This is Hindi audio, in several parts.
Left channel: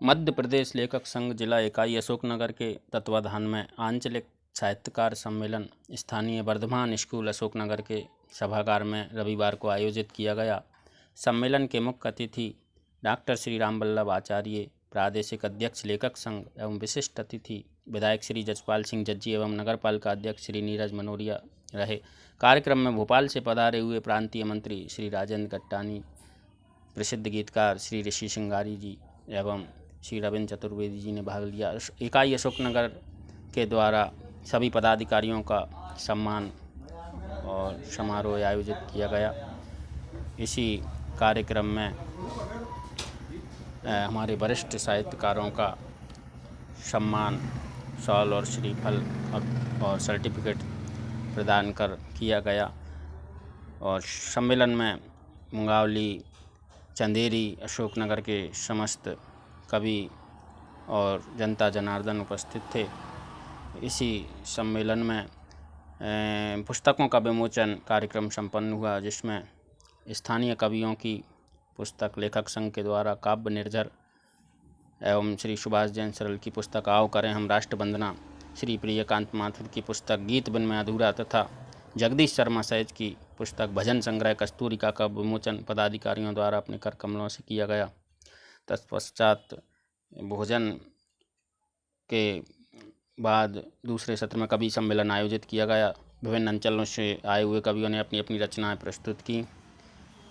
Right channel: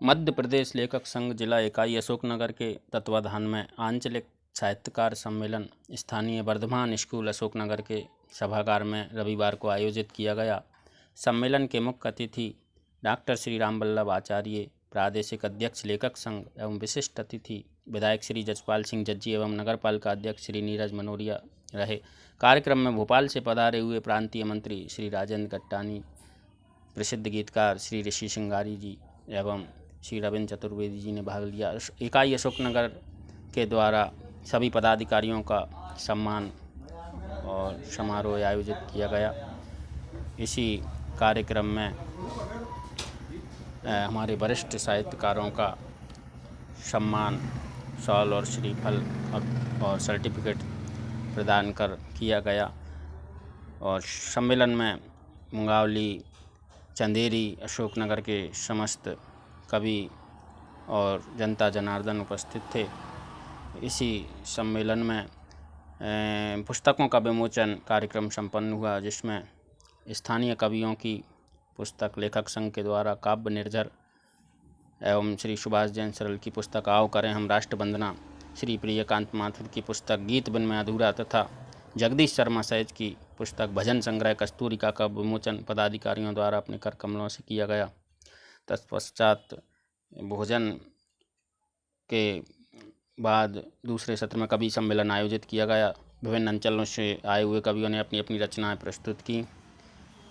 मध्य प्रदेश लेखक संघ जिला इकाई अशोकनगर के तत्वाधान में आंचलिक साहित्यकार सम्मेलन स्थानीय वर्धमान स्कूल अशोकनगर के सभागार में रविवार को आयोजित किया गया। सम्मेलन के मुख्य अतिथि डॉक्टर श्री रामवल्लभ आचार्य, प्रादेशिक अध्यक्ष लेखक संघ एवं विशिष्ट अतिथि विधायक श्री जसपाल सिंह जज्जी एवं नगरपालिका अध्यक्ष श्री नीरज मनोरिया रहे। कार्यक्रम में भोपाल से पधारे हुए प्रांतीय मंत्री श्री राजेंद्र गट्टानी, प्रसिद्ध गीतकार श्री ऋषि सिंगारी जी एवं श्री रविंद्र चतुर्वेदी जी ने भाग लिया। इकाई अशोकनगर के द्वारा सभी पदाधिकारियों का सम्मान और समारोह आयोजित किया गया। इसी कार्यक्रम में हमारे वरिष्ठ साहित्यकारों का सम्मान शॉल और श्रीफल और सर्टिफिकेट प्रदान कर किया गया। और सम्मेलन में मुंगावली, चंदेरी, अशोकनगर के समस्त कवि और जनता जनार्दन उपस्थित थे। इसी सम्मेलन में पुस्तकों का विमोचन कार्यक्रम संपन्न हुआ, जिसमें स्थानीय कवियों की पुस्तक लेखक संघ के द्वारा काव्य निर्झर एवं श्री सुभाष जैन सरल की पुस्तक आओ करें हम राष्ट्र वंदना, श्री प्रियकांत माथुर की पुस्तक गीत बिन में अधूरा तथा जगदीश शर्मा सहज की पुस्तक भजन संग्रह कस्तूरिका का विमोचन पदाधिकारियों द्वारा अपने कर कमलों से किया गया। तत्पश्चात भोजन के बाद दूसरे सत्र में कवि सम्मेलन आयोजित किया गया। विभिन्न अंचलों से आए हुए कवियों ने अपनी अपनी रचनाएं प्रस्तुत की।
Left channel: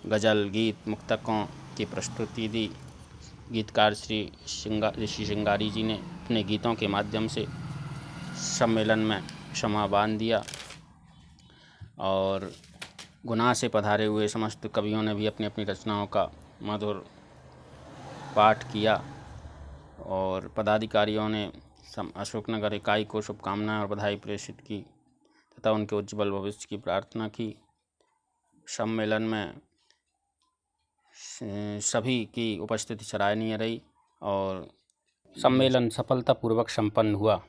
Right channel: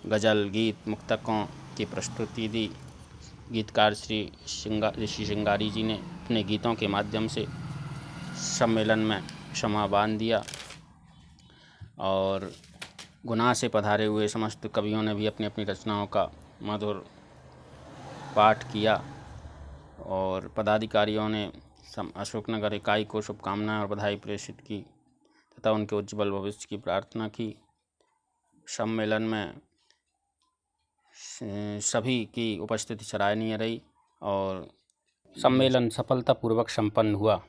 गज़ल, गीत, मुक्तकों की प्रस्तुति दी। गीतकार श्री ऋषि सिंगारी जी ने अपने गीतों के माध्यम से सम्मेलन में शमा बांध दिया और गुनाह से पधारे हुए समस्त कवियों ने भी अपनी अपनी रचनाओं का मधुर पाठ किया। और पदाधिकारियों ने अशोकनगर इकाई को शुभकामनाएं और बधाई प्रेषित की तथा उनके उज्जवल भविष्य की प्रार्थना की। सम्मेलन में सभी की उपस्थिति सराहनीय रही और सम्मेलन सफलतापूर्वक संपन्न हुआ।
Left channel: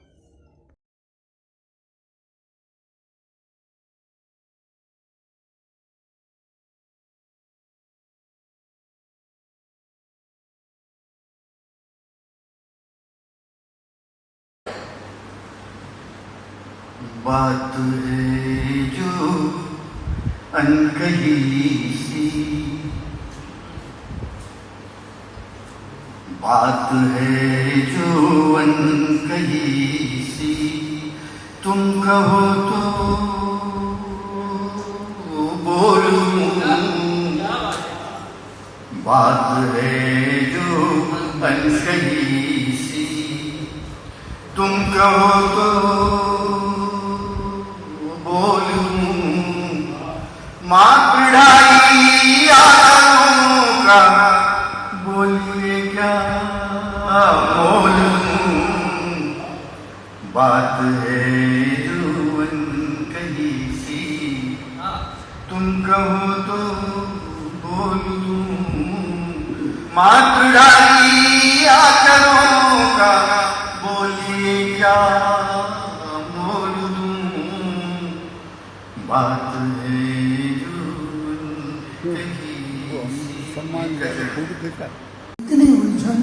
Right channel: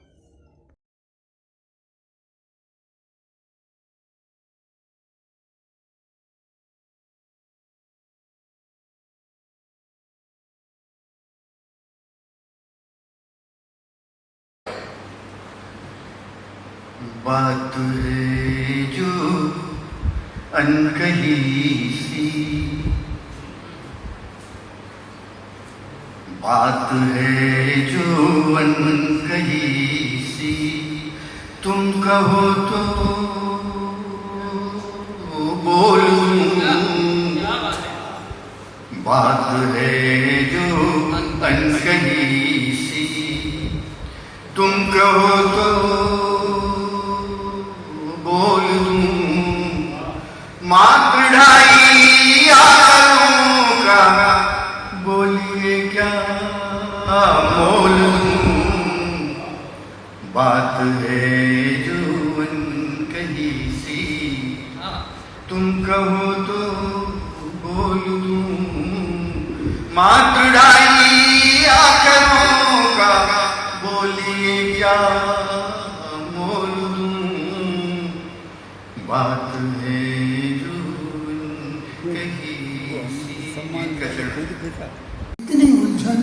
बात है जो अनकही सी, बात है जो अनकही सी, तुम कहो तो बोलूं। बात है जो अनकही सी, तुम कहो तो माँ पिढ़ाई आलों का बोलिए क्या मोल दूं। बात है जो अनकही सी, तुम कहो तो बोल दूं। माँ पिढ़ाई आलों का बोलिए क्या मोल दूं। बात है इतनी उलझन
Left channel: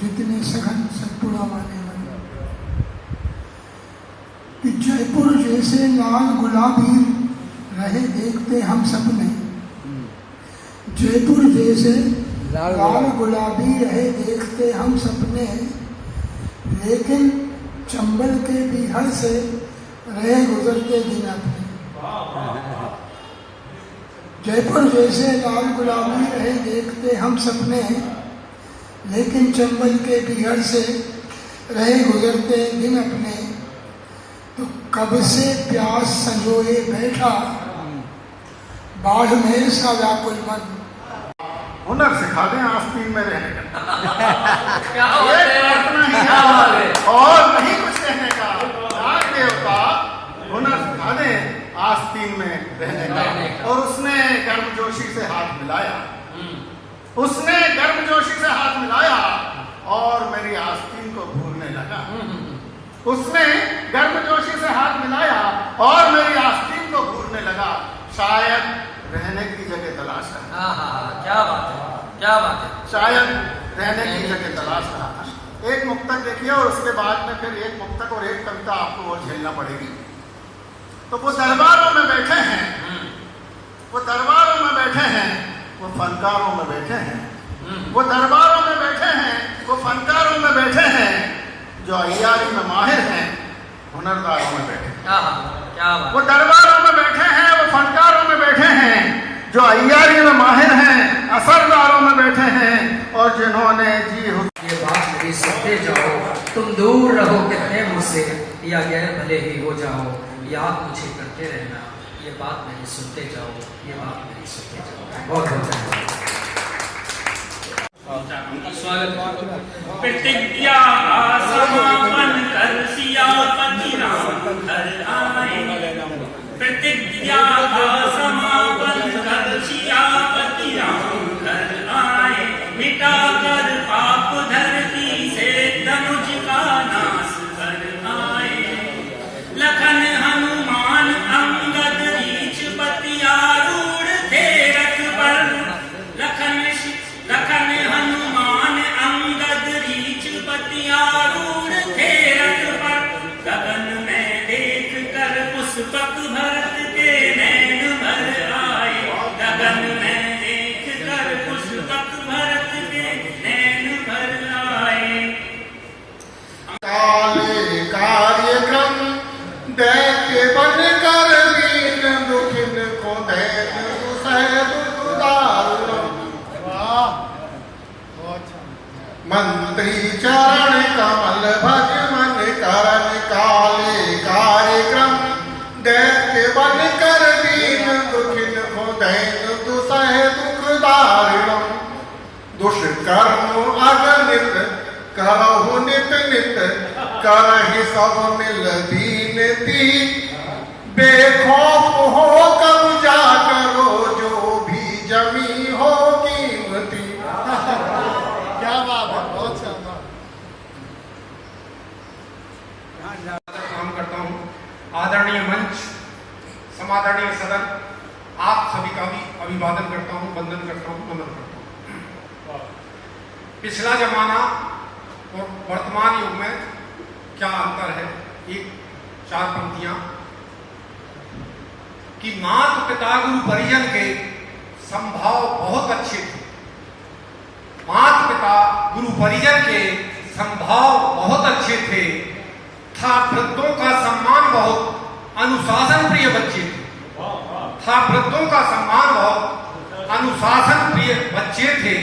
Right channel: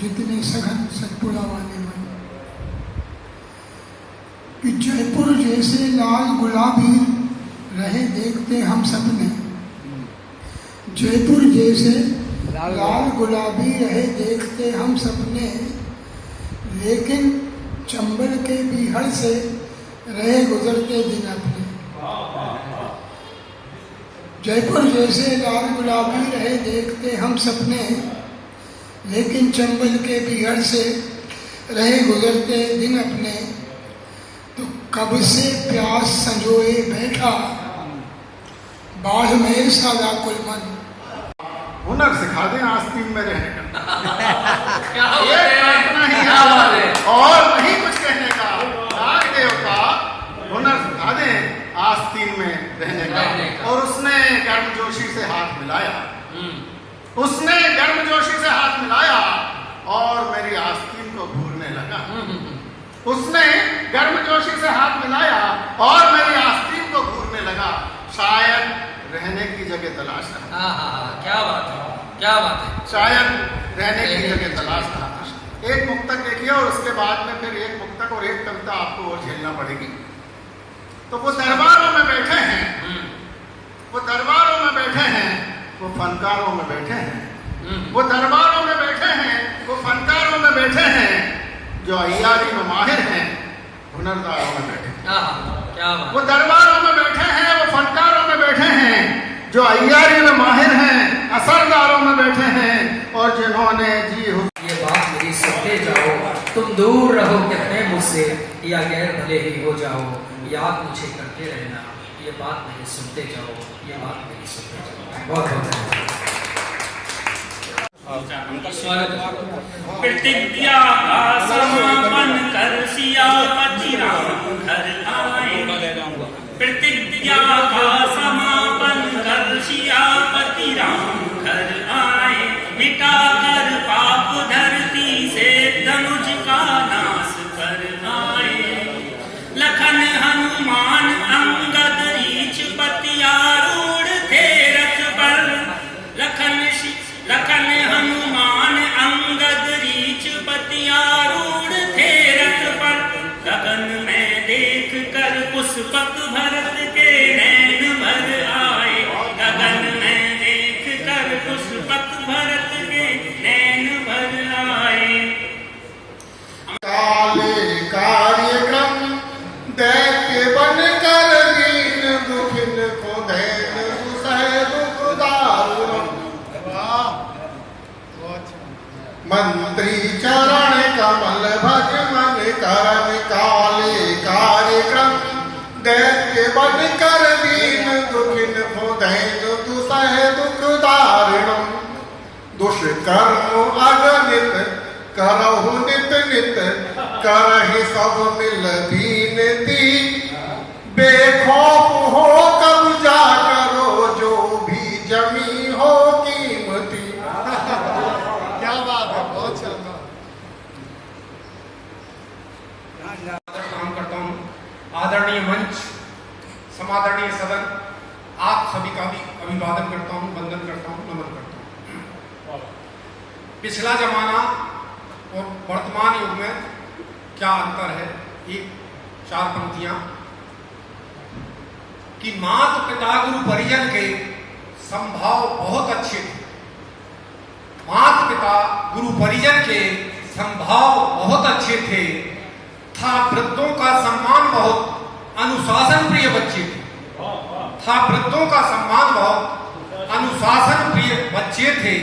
जितने सघन सतपुड़ा वाले मन, कि जयपुर जैसे लाल गुलाबी रहे देखते हम सपने। जयपुर जैसे लाल गुलाबी रहे देखते हम सपने, लेकिन चंबल के बीहड़ से रहे गुजरते दिन अपने। जयपुर जैसे लाल गुलाबी रहे देखते हम सपने, लेकिन चंबल के बीहड़ से रहे गुजरते दिन अपने। तो कब से प्यास संजोए बैठा बाढ़ में सा व्याकुल मन। हुनर सिखा दें आस्तीन में रहने का और नहीं कुछ कहने का। देवता हुनर सिखा दें आस्तीन में रहने का। और उसने गर्मजोशी से हाथ मिलाया, उसने गर्मजोशी से हाथ मिलाया और मेरी आस्तीन को घूरने लगा। उसने गर्मजोशी से हाथ मिलाया और मेरी आस्तीन को घूरने लगा। शायद रहने की जगह तलाश था। क्या बात है, क्या बात है। शायद रहने की जगह तलाश था। एक मुक्तक देखिए और उसके बाद में फिर एक मुक्तक और एक कविता आपको वो झेलना पड़ेगी। तो वो दरबारों में बैठे हैं, वो दरबारों में बैठे हैं, वो फनकारों में बैठे हैं, वो दरबारों में बैठे हैं, वो फनकारों में बैठे हैं, जो अय्यारी में माहिर हैं, हुनरदारों में बैठे हैं। वो दरबारों में बैठे हैं, वो फनकारों में बैठे हैं, जो अय्यारी में माहिर हैं, असरदारों में बैठे हैं, और जिन्होंने जी ये बात मेरी सुनते जाओ, तुम दूर रहो कितने मुझसे या गैर भले ही हो जाओ, याद मुझे करते रहना, ये बात मेरी सुनते जाओ, ये बात मेरी सुनते जाओ। बहुत बहुत स्वागत है। प्रतिज्ञा समापन कर सियापति राम घर आए, प्रतिज्ञा का समापन कर सियापति राम घर आए, मिटा कर पाप धरती से धनुष का नाश कर आए। लखन हनुमान अंगद रीछ पतियारूढ़ थे रथ पर, लखन हनुमान अंगद रीछ पतियारूढ़ थे रथ पर, गगन में देख कर पुष्पक भरत के नैन भर आए, गगन में देख कर पुष्पक भरत के नैन भर आए। काले कार्यक्रम दैत्य बन कर दीन दुखिन को दैन दुसह दुख दारुण, मंत्री चरण कमल भज मन करन, काले कार्यक्रम दैत्य बन कर दीन दुखिन को दैन दुसह दुख दारुण, दुष्कर्म अगणित करहु नित नित, करहि सब मिल दीन दीन, बेखौफ हो कब्जा करो जो भी जमी हो कीमती। क्या बात है, बहुत शानदार। काम करता हूँ। आदरणीय मंच, समादरणीय सदन, आप सभी का भी अभिवादन करता हूँ, वंदन करता हूँ, नमन करता हूँ। पिछला जमाना और वर्तमान युग में क्या अंतर है? एक चार पंक्तियां कि माता पिता गुरु परिजन के संभाव बहुत अच्छे थे, माता पिता गुरु परिजन के संभाव बहुत अच्छे थे, था वृद्धों का सम्मान बहुत, अनुशासन प्रिय बच्चे थे, था वृद्धों का सम्मान बहुत, अनुशासन प्रिय बच्चे थे।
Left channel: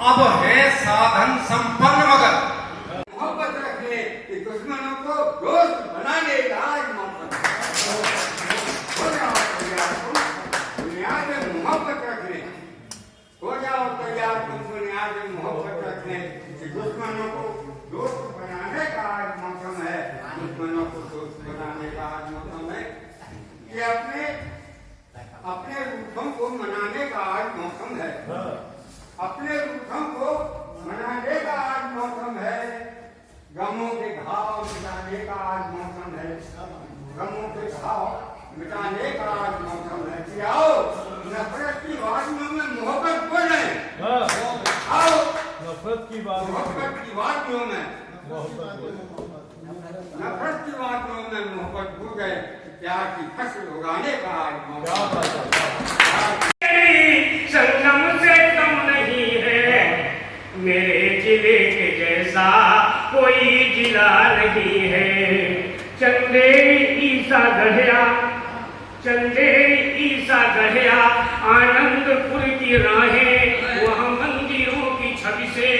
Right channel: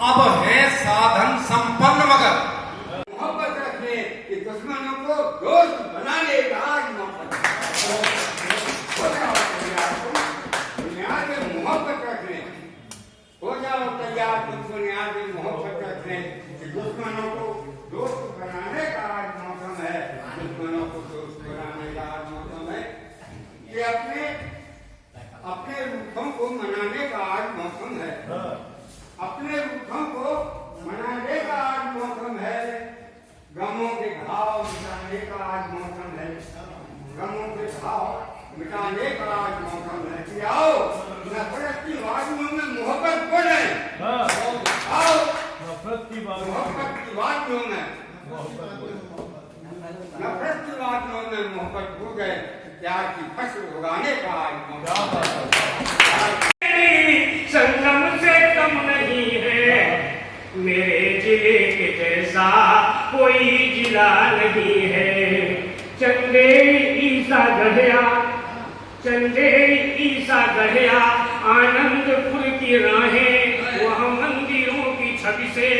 अब है साधन संपन्न मगर मोहब्बत रखने कि दुश्मनों को दोस्त बनाने का आज मौका बुनियाद में मोहब्बत रखने, हो जाओ तैयार तुम बुनियाद में मोहब्बत रखने कि दुश्मनों को दोस्त बनाने का आज मौसम है, दुश्मनों को दोस्त बनाने का आज मौसम है। ये अपने रूपों को मनाने का आज मौसम है, अपने रूपों को मनाने का आज मौसम है, गमों के घाव मिटाने का आज मौसम है, गमों के घाव मिटाने का आज मौसम है। कि आओ नफरत की वादियों में मोहब्बत बोले, आओ नफरत की वादियों में, नफरत की वादियों में मोहब्बत बूझे, प्यार की फसल उगाने का आज मौसम है। संगम से कम नहीं है मेरे जिले के जैसा कोई जिला नहीं है। चंदेरी ईसा गढ़िया, चंदेरी ईसा गढ़िया, आनंदपुर की राहें, वहाँ मंदिरों की छवि से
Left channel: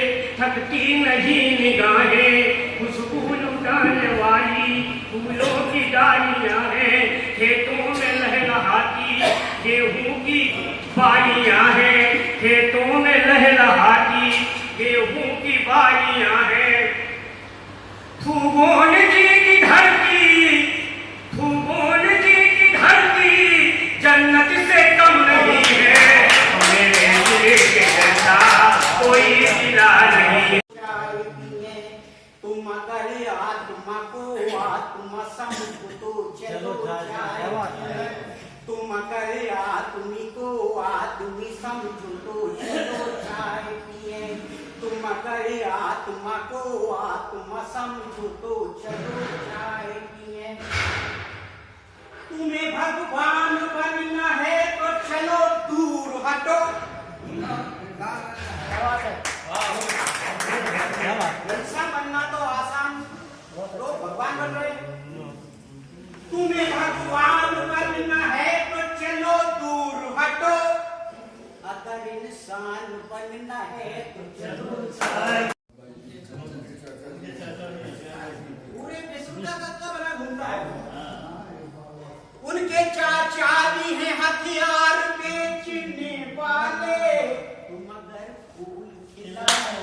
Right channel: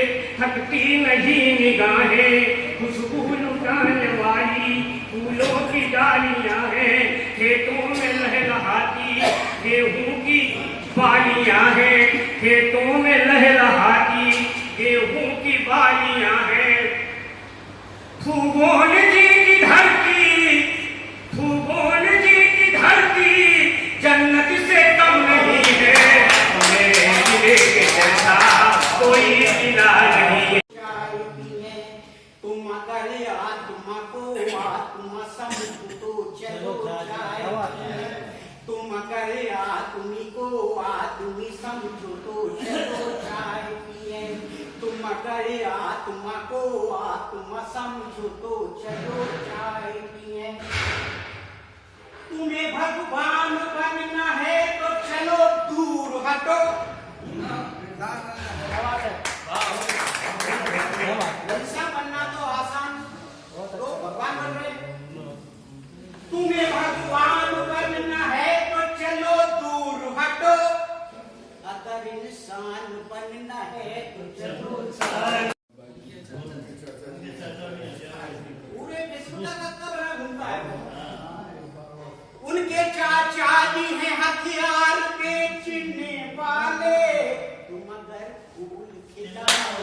थकती नहीं निगाहें। खुशबू लुटाने वाली फूलों की डालियां हैं, खेतों में लहलहाती गेहूं की बालियां हैं, खेतों में लहलहाती गेहूं की बालियां हैं। भूगोल जी की धरती, भूगोल जी की धरती जन्नत से कम नहीं है, मेरे जिले के जैसा कोई जिला नहीं है। तुम अगर आत्मा को आत्मा समझो तो चलो जाए, तुम अगर आदमी को आदमी समझो तो चलो चाय पिए। तुम अगर आत्मा को आत्मा समझो तो चलो जाएगी। तुम्हें भगवान बनना है तो चलो दूर हटो। इंसान बनना तो आसान, तो भगवान बन रहे। तुम्हें भगवान बनना है तो चलो दूर हटो, अगर इंसान बनना है तो चलो पूरे विश्व का तत्व बना घूमता है। उनके चाचा जी हैं हथियार बेचने वाले, तुम अगर फूल खिलाओ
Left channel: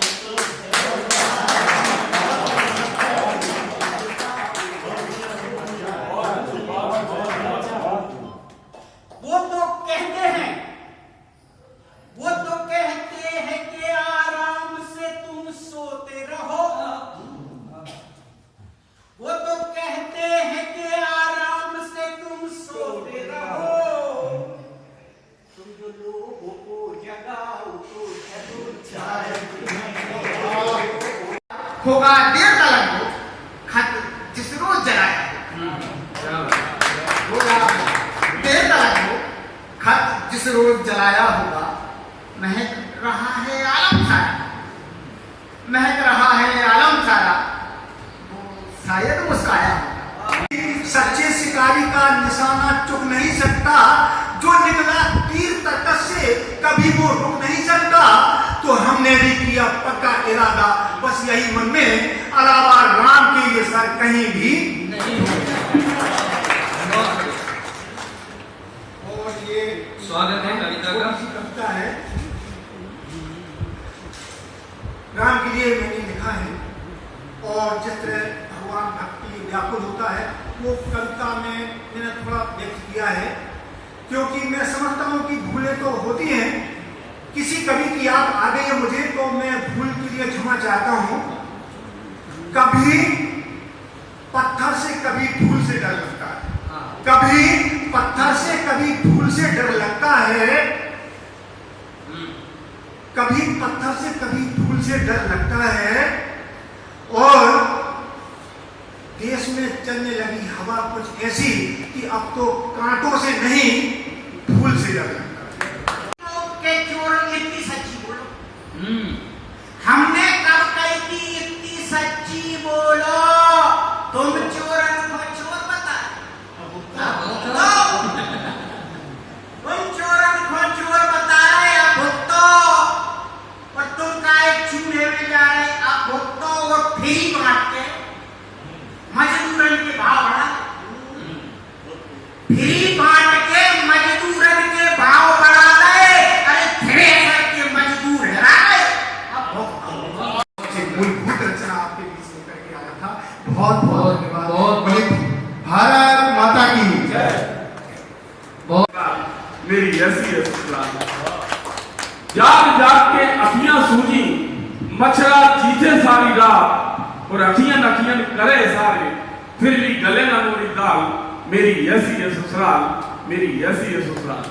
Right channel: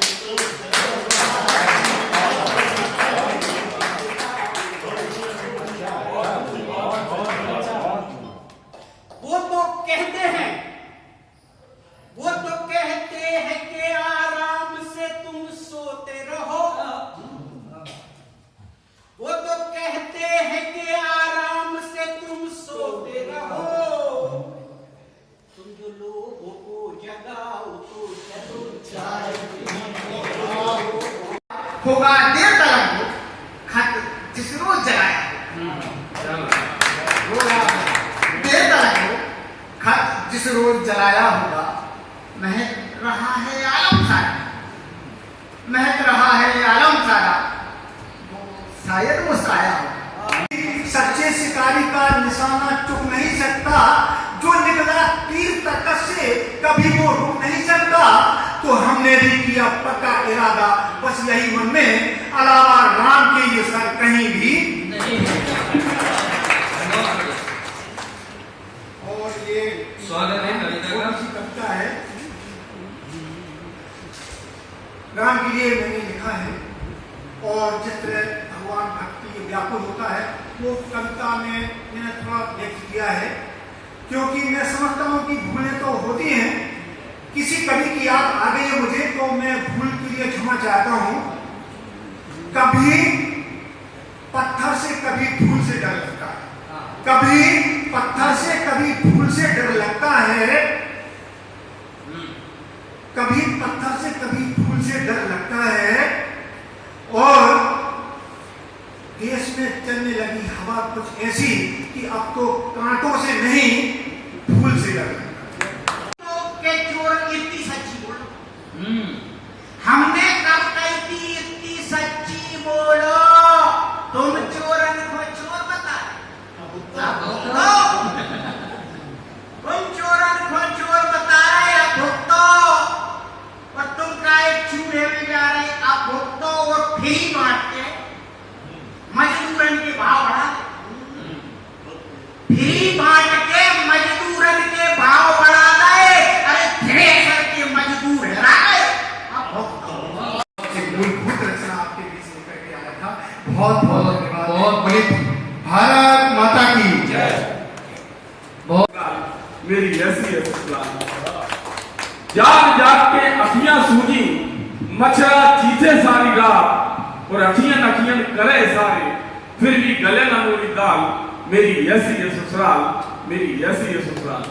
वो तो कहते हैं कि आराम से तुम सोते रहो। वो तो कहते हैं कि आराम से तुम सोते रहो। तुम जो लोगों को जगाओ तो चलो होगा देर तक खत जिस रोज जलाया होगा देर तक खत जिस रोज जलाया होगा। महक रहा है आलम सारा, महक रहा है आलम सारा, शायद मुस्काया होगा। सच्चे शिकारी का निशाना चुक नहीं सकता, जो निकला तीर तर्कस से कभी वो रुक नहीं सकता। तो हमने भी किया पक्का इरादा, बस यही मन में, अलावा राम के ये सर कहीं भी नहीं। और ये स्वागत है कविता है राम के लिए मैंने लिखा है। और जिस तरह भगवान भक्ति व्याकुल होता है वो कविता में मैंने थोड़ा व्यक्त किया है, क्योंकि मैं समझता हूँ कि भूलें तो होती हैं। किसी कवि की याद आ गई है मुझे, तो मैं भूल के लिए क्षमा चाहता हूँ। कभी पत्थर से कभी फूल से डर लगता है, कभी पत्थर से कभी फूल से डर लगता है, कभी पत्थर से कभी फूल से डर लगता है। और देश में चलने लगी हवा कुछ ऐसी कि अब तो कांटों से नहीं फूल से डर लगता है। के चोर इतनी सच्ची बोलो, हमने कब कही थी इतनी सच्ची बोलो। तुम चोरन को चोर बता, तुम चोरन को चोर बता रहे अब भुगतो, और तुम का एक चूल्हे में जा रहे अब भुगतो। वो फ्री बांटते मजदूरन के भाव बढ़ा, फ्री बांट के मजदूरन के भाव बढ़ा गए। अरे थ्रेसर के मजदूर हरा गए। मूलभूत रचना आपके बीच में करके आया था। बहुत बहुत धन्यवाद। बहुत बड़ी भारत माता की जय। मेरी ऐसी जाग जाग के अखियां सूजी, मच्छरा चीथे सारी रात, और अखियां नखियां करे सारे, फिर भी गले न मोरी दाल। मेरी ऐसी है ससुराल, मेरी ऐसी है ससुराल।